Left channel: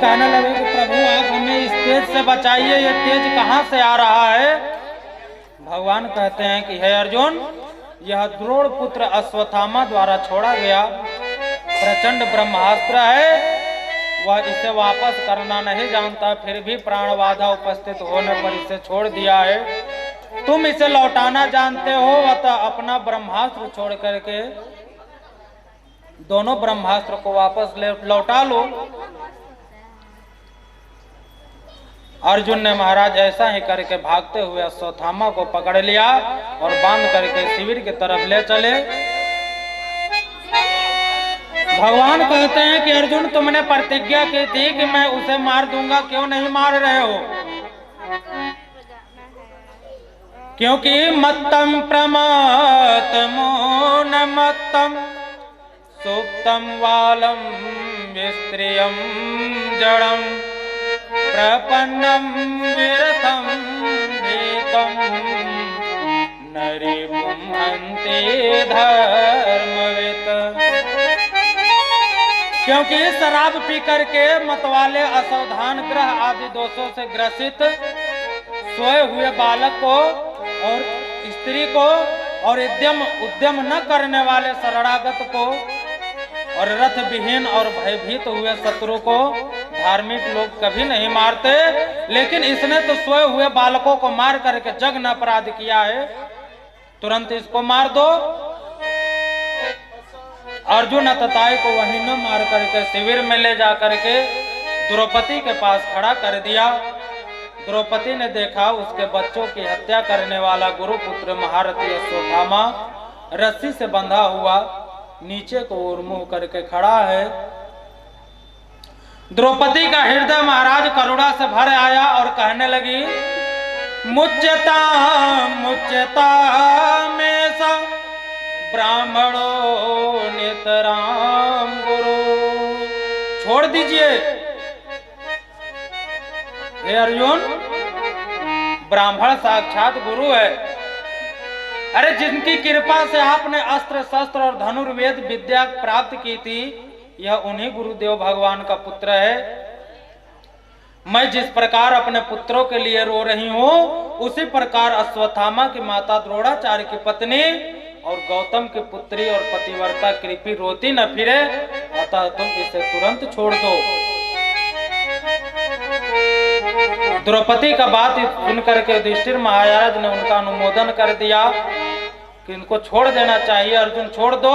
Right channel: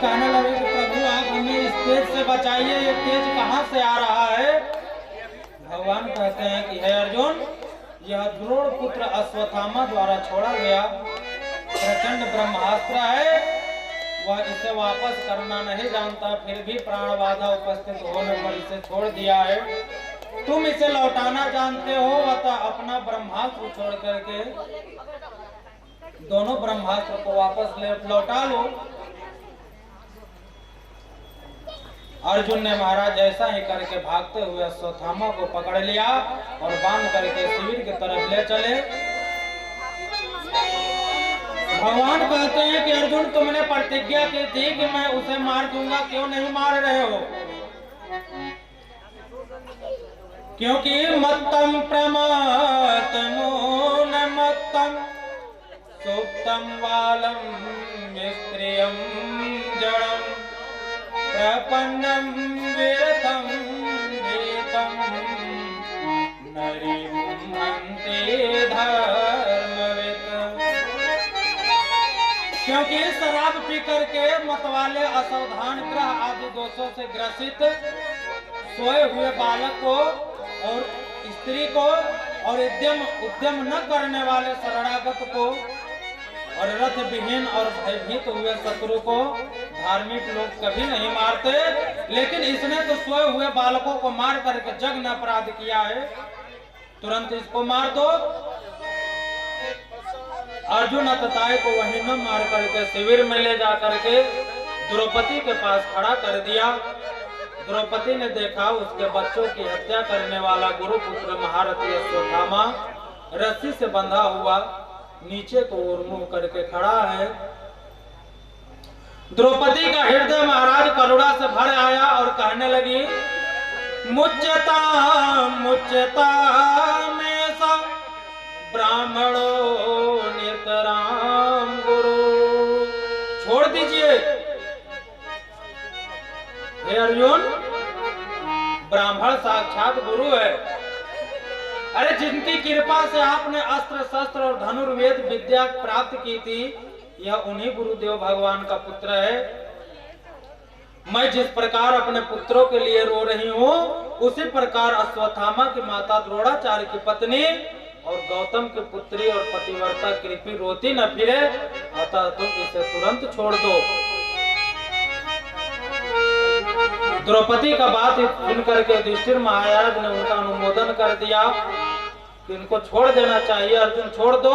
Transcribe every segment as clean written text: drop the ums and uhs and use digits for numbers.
कहने लगे कि प्रभु आप हमें इस तेज से बचाइए, ये तेज कहाँ से आ रहा है। भगवान कहते हैं कि हे अर्जुन, यह द्रोण पुत्र अश्वत्थामा द्वारा छोड़ा गया प्रचंड ब्रह्मास्त्र है। वह इसे वापस करना नहीं जानता, फिर भी प्राण बाधा उपस्थित होने पर इसे छोड़ दिया है। तुम इसे लौटाना जानते हो, अतः अपना ब्रह्मास्त्र छोड़ करके दोनों ब्रह्मास्त्र को वापस लौटा लो। अर्जुन ने महाराज ऐसा ही करके भागते हुए अश्वत्थामा को पकड़ लिया और बांध करके शिविर की तरफ ले चले। भगवान कहते हैं कि अर्जुन, तुमने प्रतिज्ञा की थी कि मैं उसे मार दूंगा, क्यों नहीं मार रहे हो? क्योंकि मत्तम प्रमातमो न मत्तम सुप्तम वालम विस्त्रियम जड़म प्रपन्नम विरथम वेतम नरिपुं हन्ति धर्मवित्। क्योंकि शराब पी करके मतवाले असावधान ग्रह आदि दोषों से ग्रसित सोए हुए बालक को और स्त्री को और उद्यम न करने वाले शरणागत को और रथ विहीन और भयभीत हुए शत्रु को धार्मिक लोग कभी नहीं मारते, लेकिन इसने तो सोए हुए बालकों को मार करके जघन्य अपराध किया है, तुरंत इसको मार दो। अर्जुन अतताई को वहीं न मार करके शिविर में ले जा करके द्रौपदी के पास खड़ा कर दिया। द्रौपदी ने देखा उसके बच्चों की हत्या करने वाला गुरुपुत्र महारथी अश्वत्थामा रस्सी से बंधा हुआ नीचे को उन्मुख करके खड़ा है। द्रौपदी का हृदय महाराज करुणा से भर आया और कहने लगी, मुच्यता मुच्यता में सा ब्राह्मणो नितराम गुरु। छोड़ दीजिए हे अर्जुन, ब्राह्मण साक्षात गुरु है। अरे जिनकी कृपा से आपने अस्त्र शस्त्र और धनुर्वेद विद्या प्राप्त की थी, यह उन्हीं गुरुदेव भगवान का पुत्र है। मैं जिस प्रकार अपने पुत्रों के लिए रो रही हूँ, उसी प्रकार अश्वत्थामा की माता द्रोणाचार्य की पत्नी और गौतम की पुत्री और पतिव्रता कृपी रोती न फिरे, अतः तुम इसे तुरंत छोड़ दो। द्रौपदी का बात सुन करके युधिष्ठिर महाराज ने उनका अनुमोदन कर दिया कि इनको छोड़ देना चाहिए। अर्जुन छोड़ दो।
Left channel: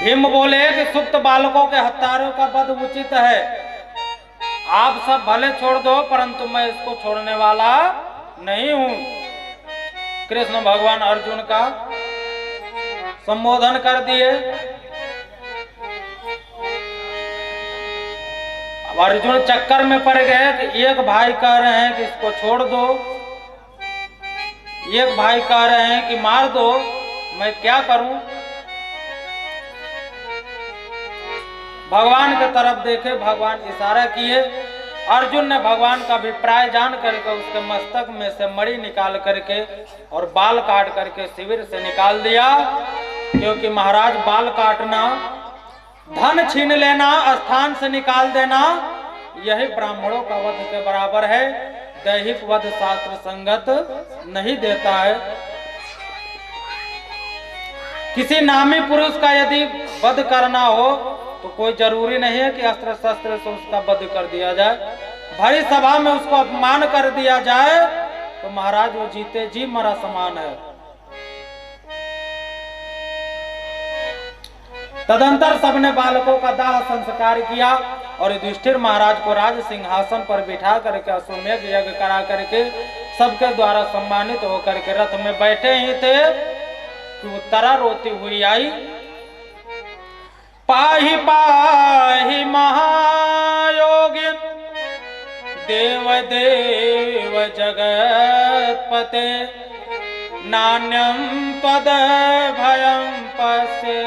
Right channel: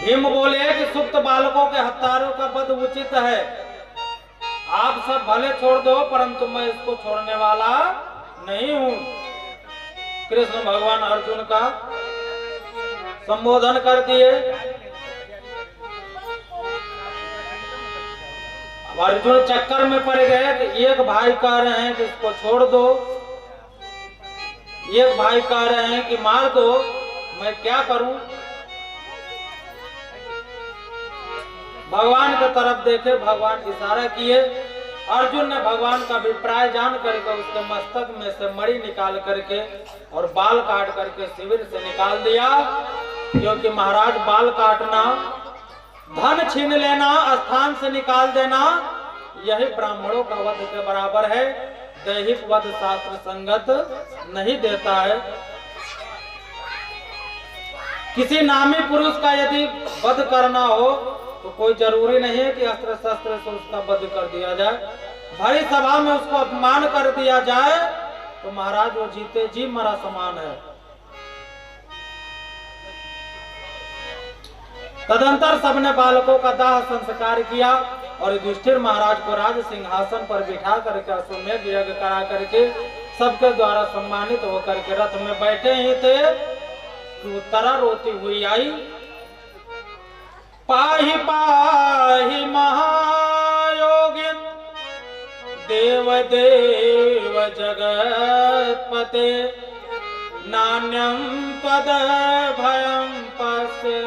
भीम बोले कि सुप्त बालकों के हत्यारों का वध उचित है, आप सब भले छोड़ दो, परंतु मैं इसको छोड़ने वाला नहीं हूं। कृष्ण भगवान अर्जुन का संबोधन कर दिए। अर्जुन चक्कर में पड़ गए कि एक भाई कह रहे हैं कि इसको छोड़ दो, एक भाई कह रहे हैं कि मार दो, मैं क्या करूं? भगवान की तरफ देखे, भगवान इशारा किए। अर्जुन ने भगवान का अभिप्राय जान करके उसके मस्तक में से मणि निकाल करके और बाल काट करके शिविर से निकाल दिया। क्योंकि महाराज बाल काटना, धन छीन लेना, स्थान से निकाल देना, यही ब्राह्मणों का वध के बराबर है। दैहिक वध शास्त्र संगत नहीं देता है। किसी नामी पुरुष का यदि वध करना हो तो कोई जरूरी नहीं है कि अस्त्र शस्त्र से उसका वध कर दिया जाए। भरी सभा में उसको अपमान कर दिया जाए तो महाराज वो जीते जी मरा समान है। तदंतर सबने बालकों का दाह संस्कार किया और युधिष्ठिर महाराज को राज सिंहासन पर बिठा करके अश्वमेध यज्ञ करा करके सबके द्वारा सम्मानित होकर के रथ में बैठे ही थे कि उत्तरा रोती हुई आई। पाहि पाहि महायोगिन देव देव जगतपते नान्यं पद भयं पश्ये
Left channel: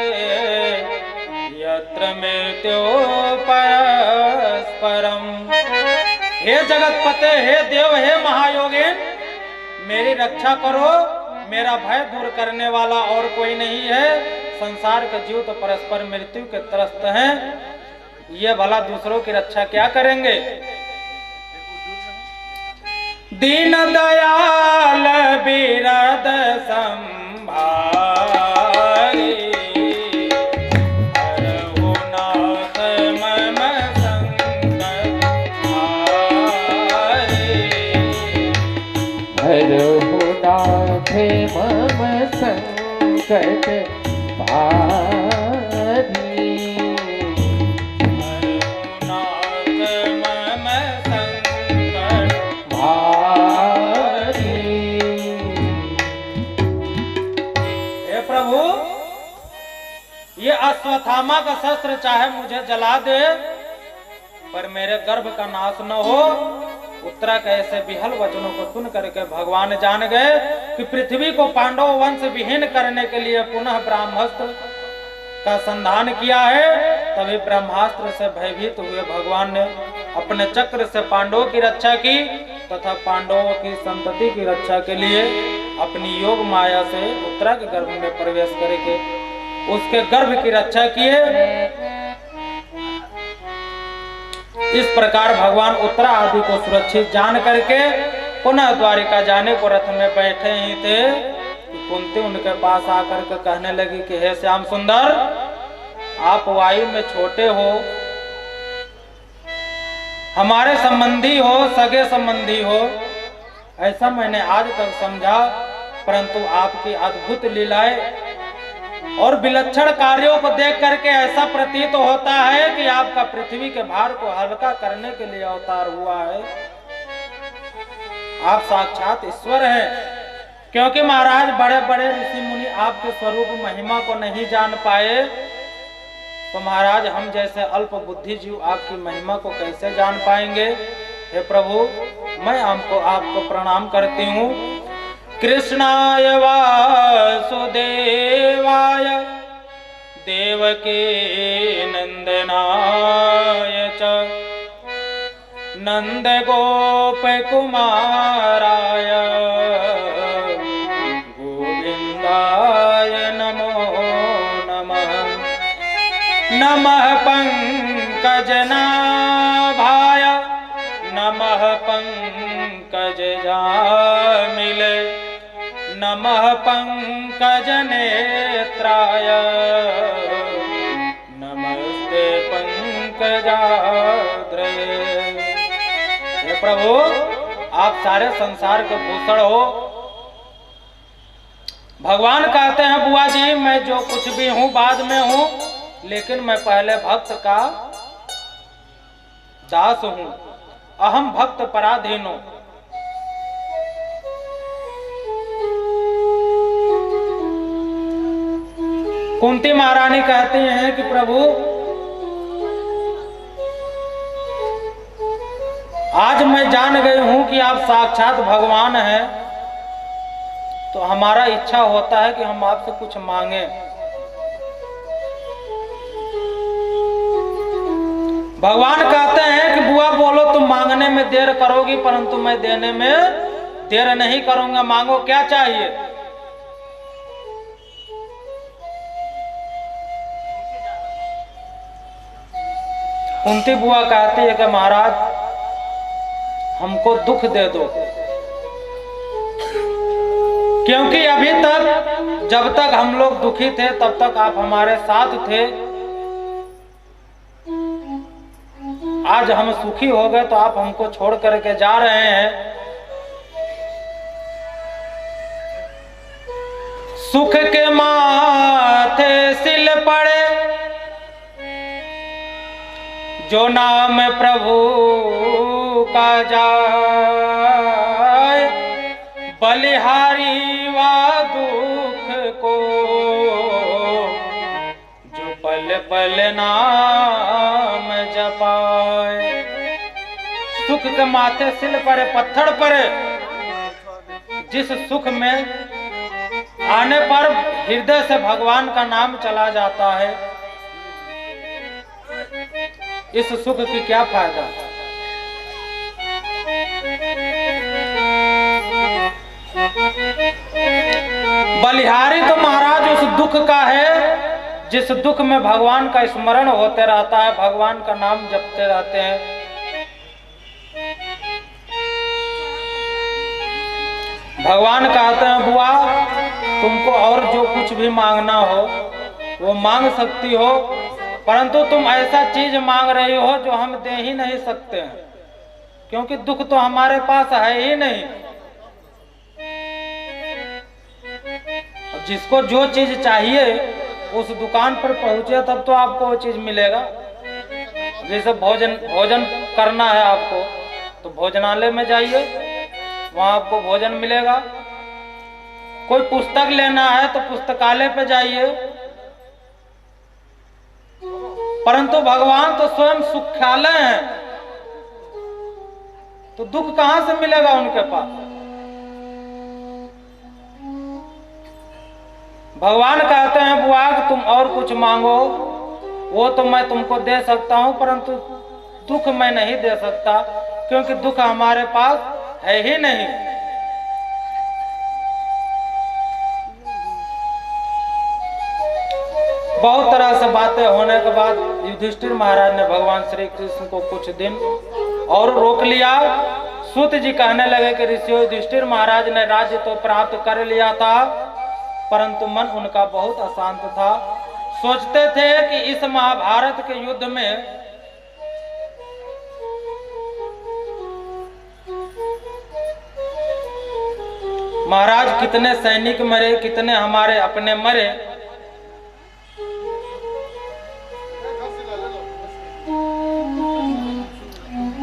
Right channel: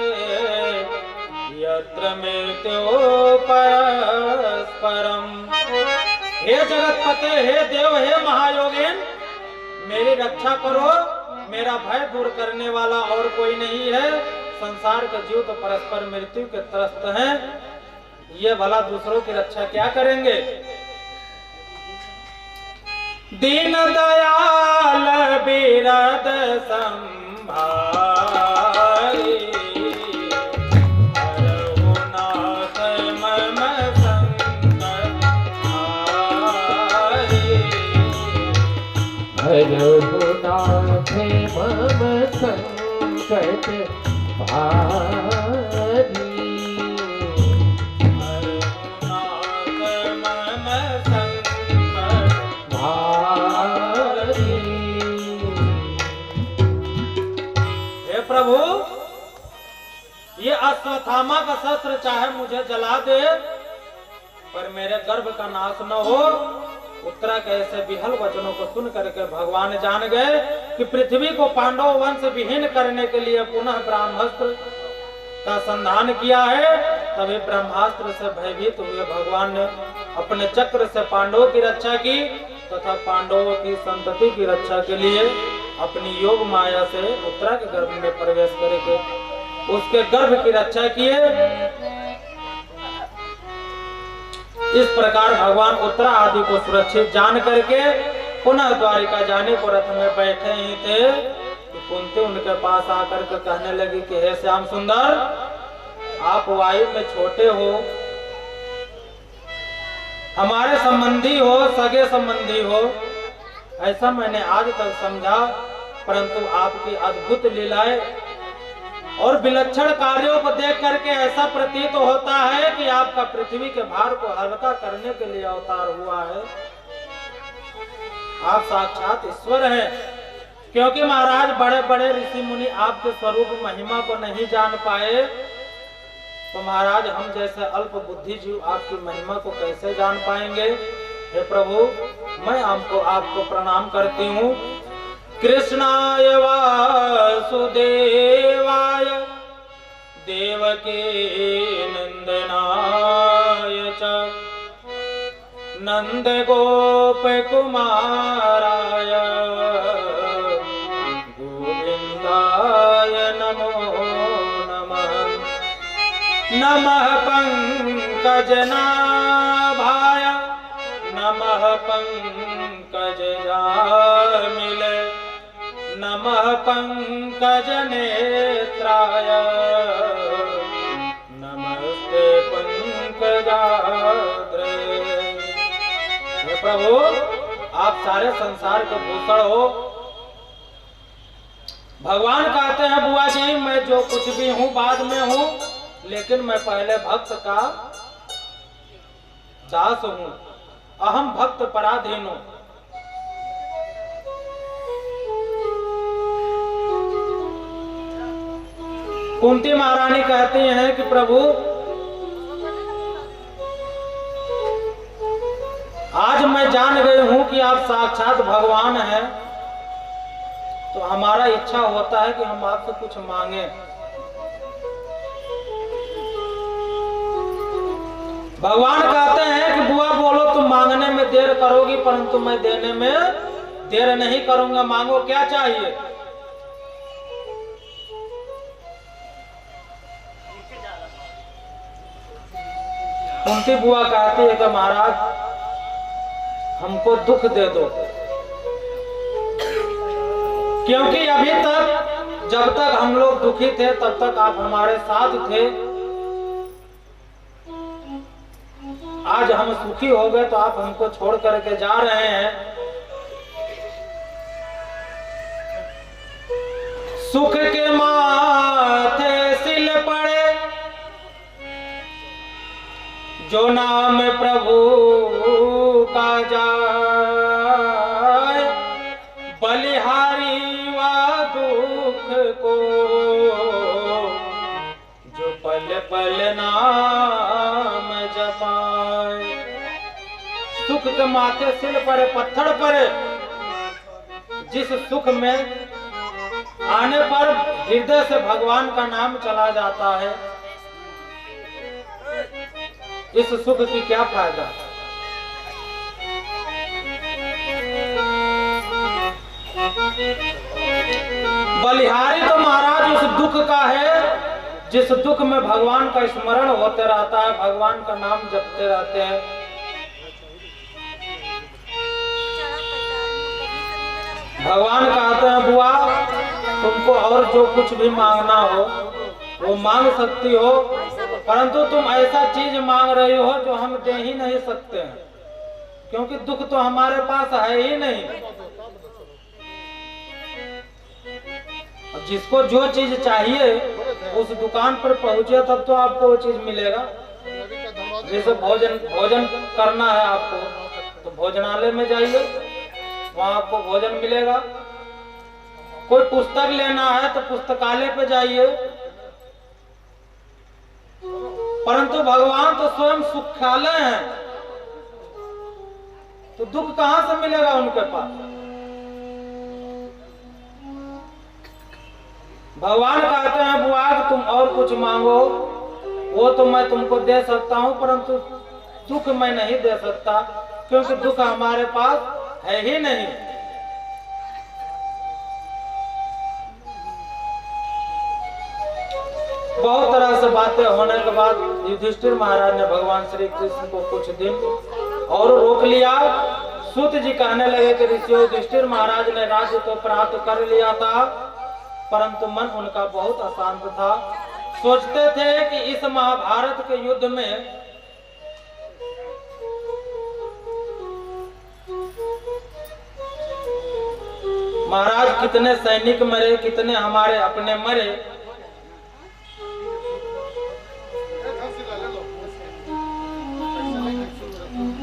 यत्र मृत्यो परस्परम। हे जगतपते, हे देव, हे महायोगिन, मेरी रक्षा करो। मेरा भय दूर करने वाला और कोई नहीं है। संसार के जीव तो परस्पर मृत्यु के त्रस्त हैं। ये भला दूसरों की रक्षा क्या करेंगे? दीन दयाल बिरद संभारी, हरहु नाथ मम संकट हारी। हरहु नाथ मम संकट भारी। प्रभु, ये अश्वत्थामा का शस्त्र चाहे मुझे जला दे, पर मेरे गर्भ का नाश न हो। उत्तरा के ऐसे विहल वचनों को सुन करके भगवान जान गए कि पृथ्वी को पांडव वंश विहीन करने के लिए पुनः ब्रह्मास्त्र का संधान किया है। तभी ब्रह्मास्त्र से भयभीत हुए भगवान ने अपने चक्र से पांडवों की रक्षा की तथा पांडवों की संतति की रक्षा के लिए अपनी योग माया से उत्तरा के गर्भ में प्रवेश करके उसके गर्भ की रक्षा किए। इस प्रकार भगवान उत्तरा आदि को सुरक्षित जान करके पुनः द्वारिका जाने को रथ में बैठे ही थे कि कुंती उनके पास आकर के कहने लगी कि हे श्याम सुंदर, आप वायु में छोटे हो, हमारे संबंधी हो, सगे संबंधी हो, ऐसा मैंने आज तक समझा, परंतु आपकी अद्भुत लीलाएं और विलक्षण कार्यों को देख करके ऐसा प्रतीत होता है कि आपका पृथ्वी के भार को हल्का करने के लिए अवतार हुआ है। आप साक्षात ईश्वर हैं, क्योंकि महाराज बड़े बड़े ऋषि मुनि आपके स्वरूप महिमा को नहीं जान पाए, तो महाराज हम जैसे अल्प बुद्धि जीव आपकी महिमा को कैसे जान पाएंगे? हे प्रभु, मैं आपको प्रणाम करती हूँ। कृष्णाय वासुदेवाय देवकी नंदनाय च नंद गोप कुमाराय गोविंदाय नमो नमः। नमः पंकजनाभाय नमः पंकजजामिले नमः पंकजनेत्राय नमस्ते पंकजाग्रे। हे प्रभु, आप सारे संसार के भूषण हो। भगवान कहते हैं बुआ जी, मैं जो कुछ भी हूं बाद में हूं, लेकिन मैं पहले भक्त का दास हूं। अहम भक्त पराधीनो। कुंती महारानी कहती हैं कि प्रभु, आज मैं जान गई हूं कि आप साक्षात भगवान हैं, तो हमारा इच्छा होता है कि हम आपसे कुछ मांगे। भगवान कहते हैं कि बुआ बोलो, तुम मांगने में देर करोगी, परंतु मैं देने में देर नहीं करूंगा। मांगो, क्या चाहिए? कुंती बुआ कहती है कि महाराज, हमको दुख दे दो, क्योंकि अभी तक जब तक हम लोग दुखी थे तब तक आप हमारे साथ थे। आज हम सुखी हो गए तो आप हमको छोड़ करके जा रहे हैं। सुख के माथे सिल पड़े जो नाम प्रभु का जाए, बलिहारी वा दुख को जो पल पल नाम जपाए। सुख के माथे सिल पड़े, पत्थर पड़े, जिस सुख में आने पर हृदय से भगवान का नाम चला जाता है, इस सुख की क्या फायदा? बलिहारी तो महाराज उस दुख का है जिस दुख में भगवान का स्मरण होते रहता है, भगवान का नाम जपते रहते हैं, भगवान कहते हैं बुआ तुमको और जो कुछ भी मांगना हो वो मांग सकती हो, परंतु तुम ऐसा चीज मांग रही हो जो हम दे ही नहीं सकते हैं, क्योंकि दुख तो हमारे पास है ही नहीं। जिसको जो चीज चाहिए उस दुकान पर पहुंचे तब तो आपको वो चीज मिलेगा। जैसे भोजन करना है आपको तो भोजनालय में जाइए, वहां आपको भोजन मिलेगा। कोई पुस्तक लेना है तो पुस्तकालय पे जाइए। परंतु भगवान तो स्वयं सुखालय हैं, तो दुख कहां से मिलेगा उनके पास। भगवान कहते हैं बुआ तुम और कुछ मांगो, वो तो मैं तुमको दे सकता हूं, परंतु दुख मैं नहीं दे सकता, क्योंकि दुख हमारे पास है ही नहीं। बहुत तरह से बातें होने के बाद युधिष्ठिर महाराज ने भगवान श्री कृष्ण को कुछ दिन और रोक लिया। सूत जी कहने लगे कि ऋषियों, युधिष्ठिर महाराज ने राज्य तो प्राप्त कर लिया था, परंतु मन उनका बहुत अशांत था। सोचते थे कि इस महाभारत के युद्ध में महाराज कितने सैनिक मरे, कितने हमारे अपने मरे,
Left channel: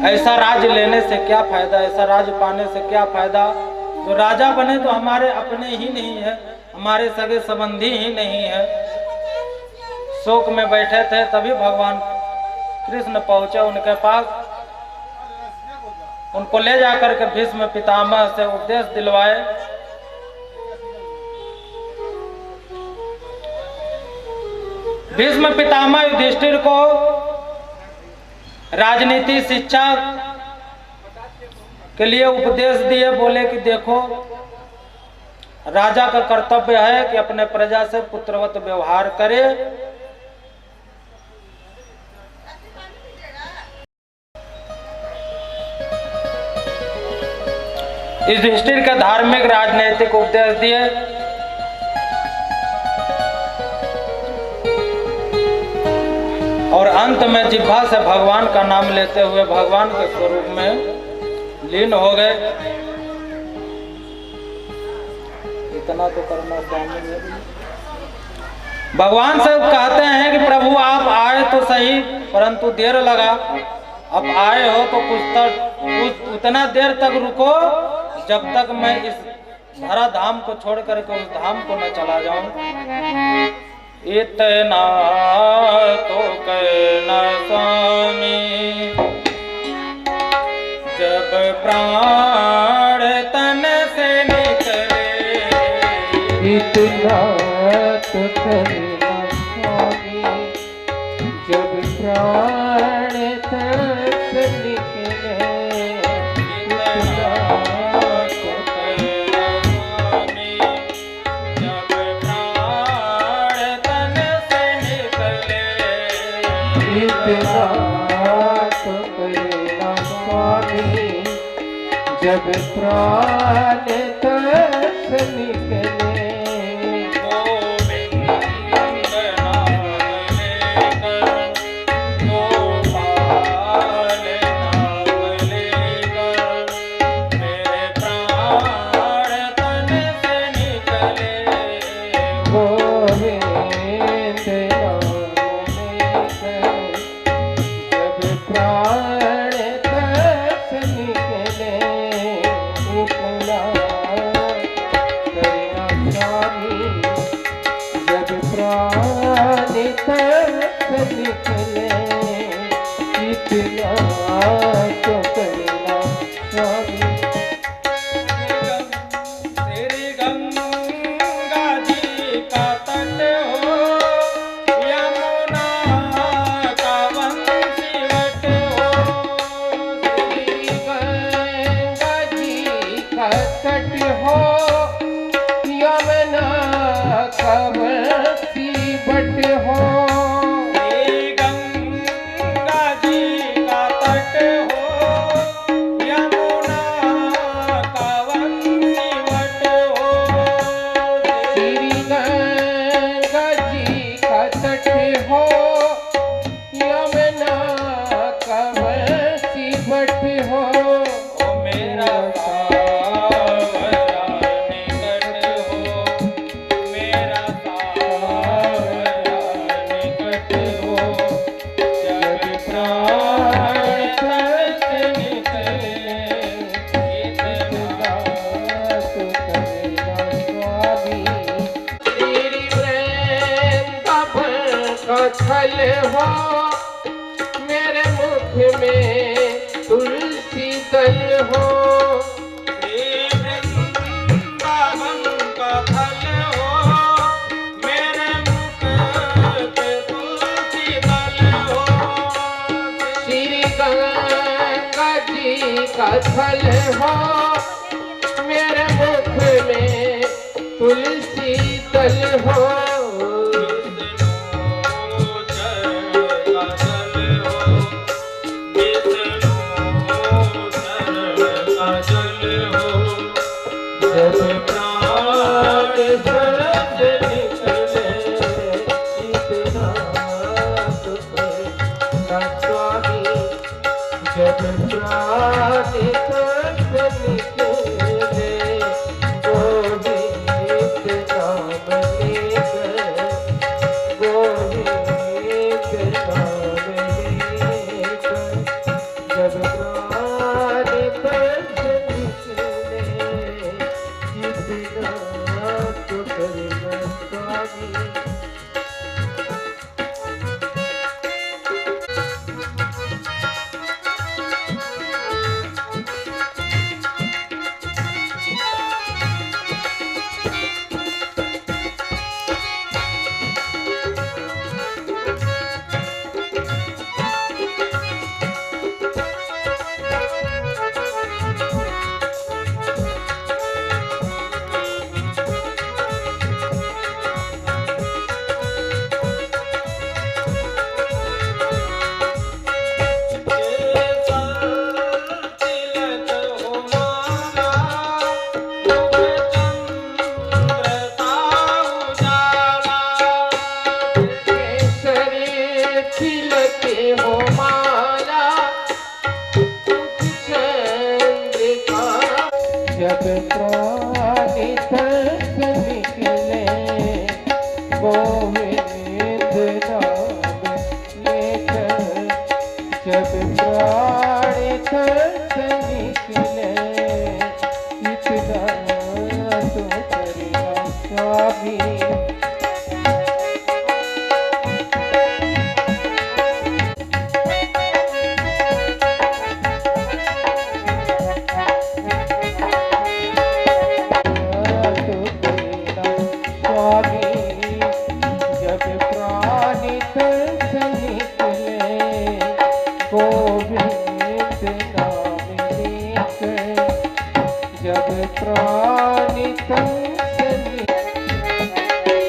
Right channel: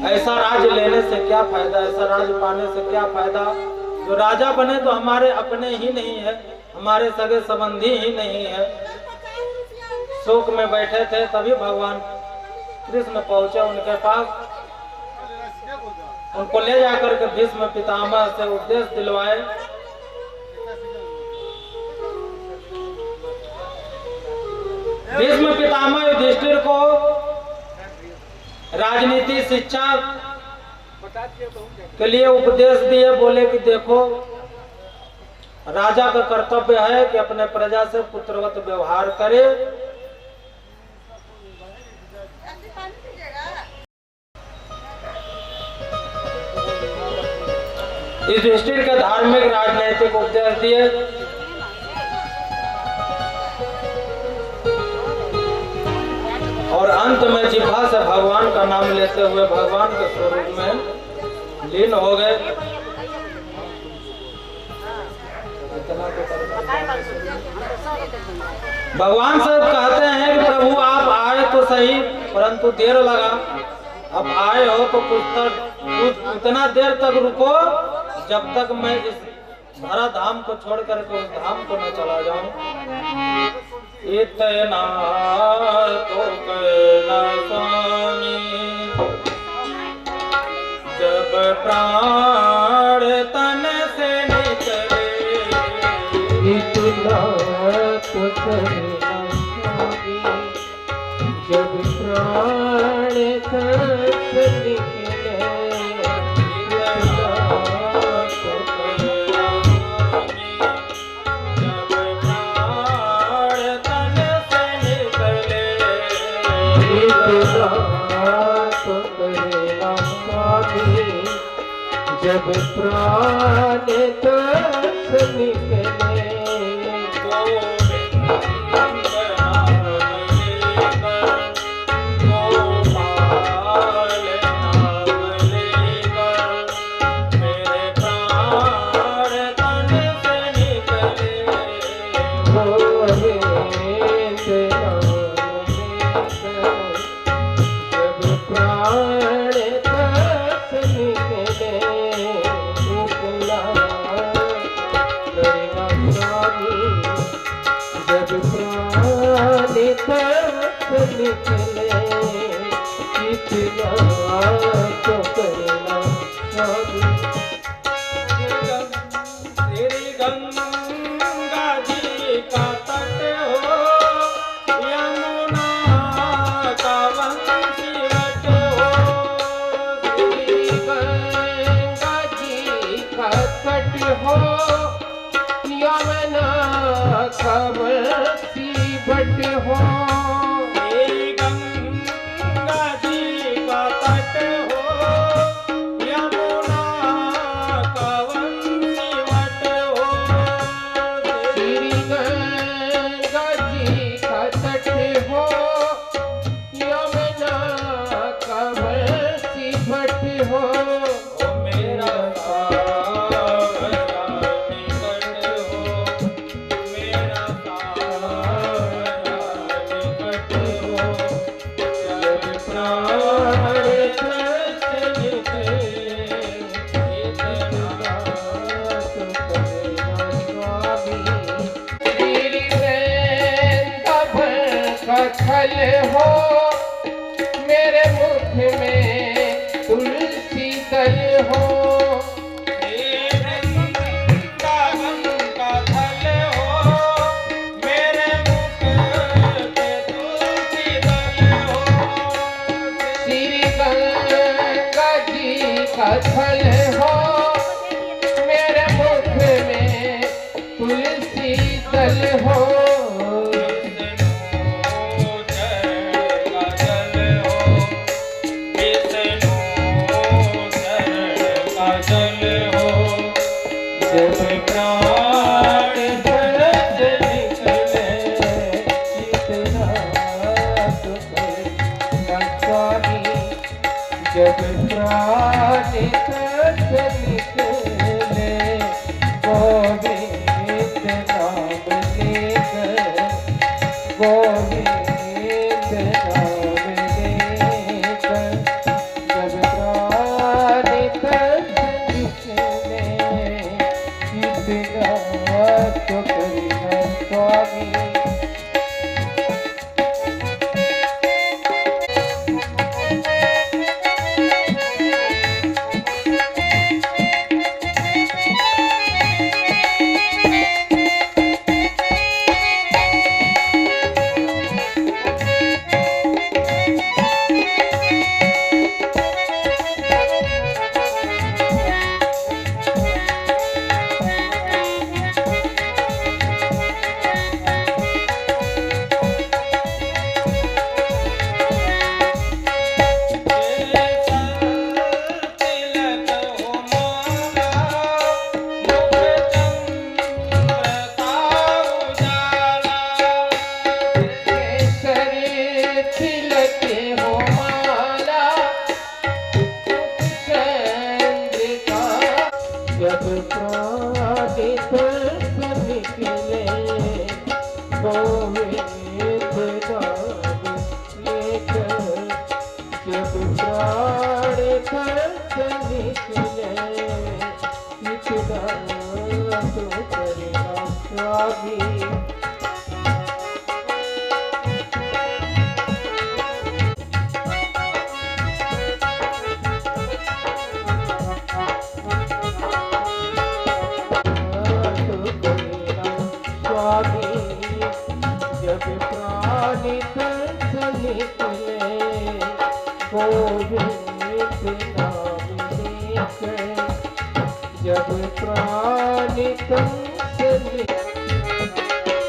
ऐसा राज लेने से क्या फायदा, ऐसा राज पाने से क्या फायदा। जो राजा बने तो हमारे अपने ही नहीं है, हमारे सगे संबंधी ही नहीं है। शोक में बैठे थे, तभी भगवान कृष्ण पहुंचे उनके पास। उनको ले जाकर के भीष्म पितामह से उपदेश दिलवाए। भीष्म पितामह युधिष्ठिर को राजनीति शिक्षा के लिए उपदेश दिए। बोले कि देखो, राजा का कर्तव्य है कि अपने प्रजा से पुत्रवत व्यवहार करे। युधिष्ठिर के धार्मिक राजनीतिक उपदेश दिए। और अंत में जिह्वा से भगवान का नाम लेते हुए भगवान के स्वरूप में लीन हो गए। इतना तो करना चाहिए। भगवान से कहते हैं कि प्रभु आप आए तो सही, परंतु देर लगा। अब आए हो तो कुछ उतना देर तक रुको जब तक मैं इस धरा धाम को छोड़ करके उस धाम को न चला जाऊं। इतना तो करना स्वामी, जब प्राण तन से निकले। इतना तो करना स्वामी, जब प्राण तन से निकले। जब प्राण तन से निकले। दल हो, मेरे मुख में तुलसी दल हो। श्री वृंदावन का फल हो, मेरे मुख पे तुलसी दल हो। श्री गंगा जी का फल हो, मेरे मुख में तुलसी दल हो। जब प्राण सरस निकले, इतना तो करना स्वामी। जब प्राण सरस निकले, गोविंद नाम लेकर, गोविंद नाम लेकर। जब प्राण सरस निकले, इतना तो करना स्वामी। जब प्राण सरस निकले, गोविंद नाम लेकर। जब प्राण सरस निकले, इतना तो करना स्वामी। जब प्राण तरस निकले, गोविंद नाम लेकर। जब प्राण तरस